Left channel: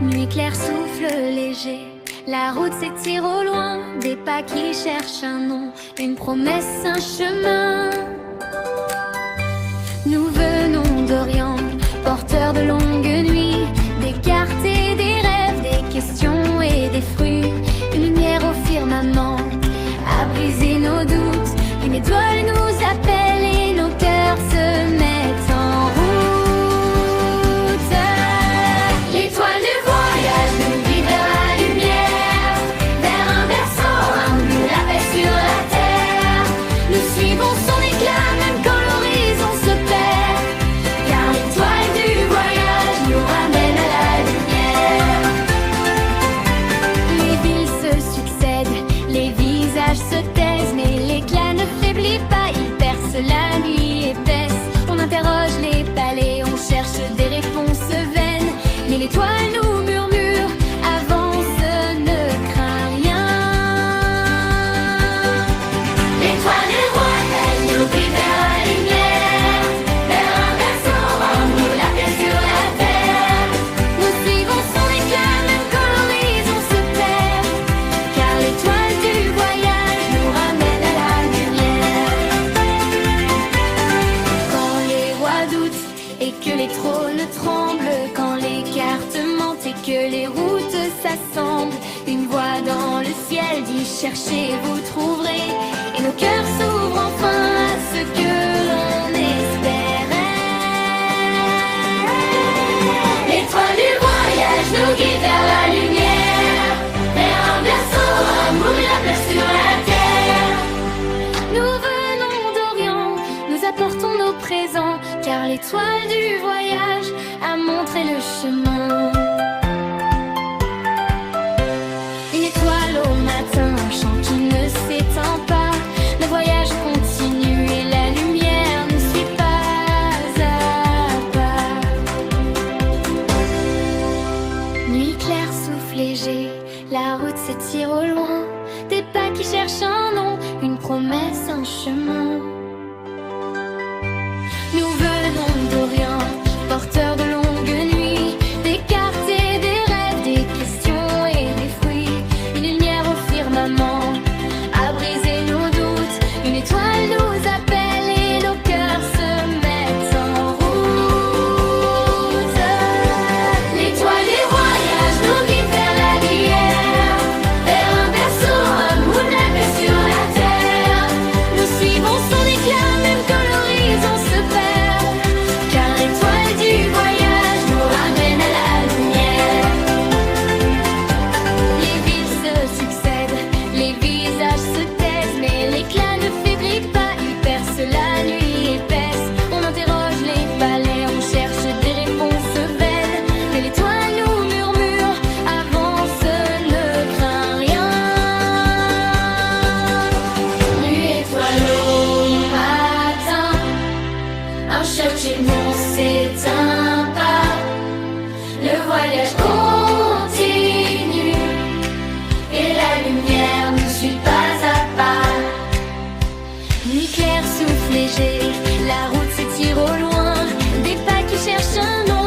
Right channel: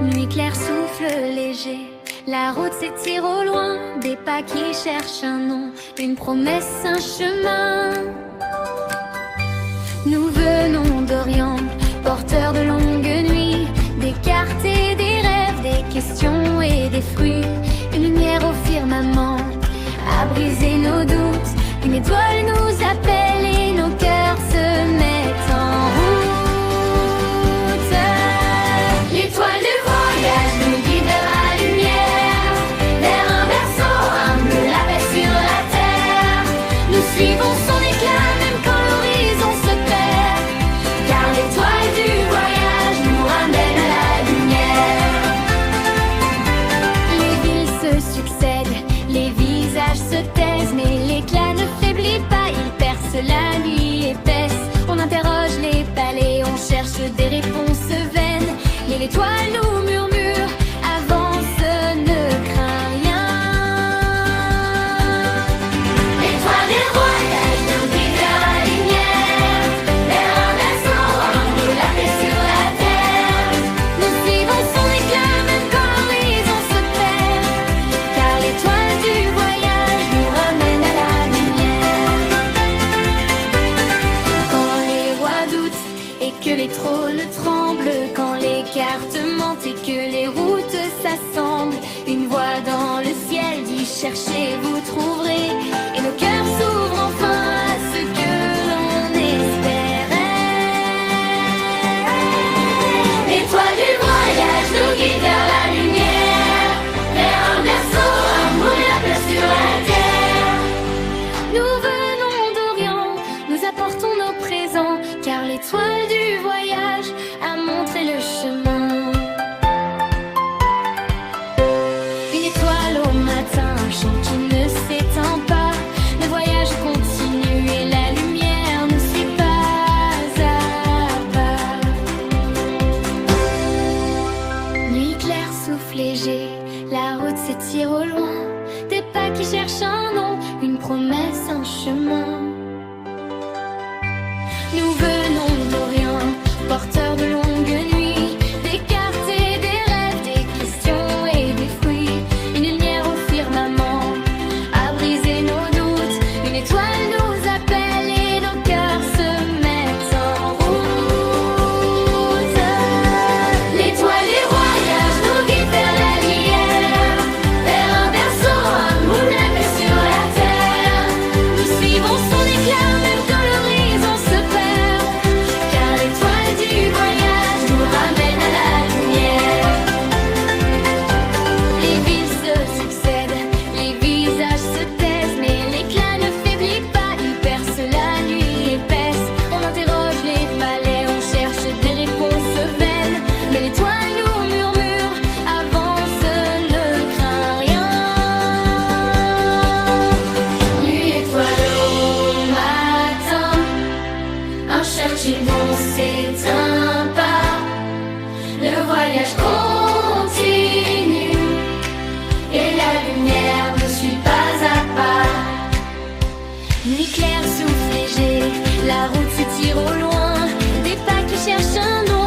Nuit claire, souffle léger, la route s'étire au loin. Des pas qui cherchent un nom, une promesse, un chemin. Nous venons d'Orient, porteurs de longues nuits, des cartes et des rêves, des questions et des fruits. Une lumière au firmament a brisé nos doutes. Une étoile nous appelle et nos cœurs se mettent en route. L'étoile du voyage nous guide vers la lumière, vers un berceau humble, la paix sur la terre. Nous suivons son éclat même quand l'horizon se perd, car l'étoile du voyage nous ramène à la lumière. Les villes se succèdent, les visages se taisent, mais l'éclat ne faiblit pas, il perce la nuit épaisse. On interroge les palais, on cherche des réponses vaines, mais l'étoile nous murmure, avance, ne crains rien. L'étoile des voyages nous guide vers la lumière, vers un berceau humble, la paix sur la terre. Nous suivons son éclat même quand l'horizon se perd, car l'étoile du voyage nous ramène à la lumière. Quand les rois doutent et que les trônes tremblent, quand les cartes mentent et que les routes s'assemblent, une voix dans le ciel dit cherchez, vous trouverez. Et nos cœurs s'ouvrent enfin à ce que l'on espérait. L'étoile du voyage nous guide vers la lumière, vers un berceau, un mot, la paix sur la terre. Nous venons d'Orient, nous apportons nos présents, car l'étoile du voyage a montré le chemin. Une étoile au matin, un chant qui ne s'éteint pas. Le voyage continue et la lumière nous suit pas à pas. Nuit claire, souffle léger, la route s'étire au loin. Des pas qui cherchent un nom, une promesse, un chemin. Nous venons d'Orient, porteurs de longues nuits, des cartes et des rêves, des questions et des fruits. Une lumière au firmament a brisé nos doutes. Une étoile nous appelle et nos cœurs se mettent en route. L'étoile des voyages nous guide vers la lumière, vers un berceau, un moule, la paix sur la terre. Nous suivons son éclat même quand l'horizon se perd, car l'étoile du voyage nous ramène à la lumière. Les villes se succèdent, les visages se taisent, mais l'éclat ne faiblit pas, il perce la nuit épaisse. On interroge les palais, on cherche des réponses vaines, mais l'étoile nous murmure, avance, ne crains rien. Nuit étoile au matin, un cherche bon s'éteint pas. Le voyage continue et la lumière nous suit pas à pas. Nuit claire, souffle léger, la route s'étire au loin. Des pas qui cherchent un nom,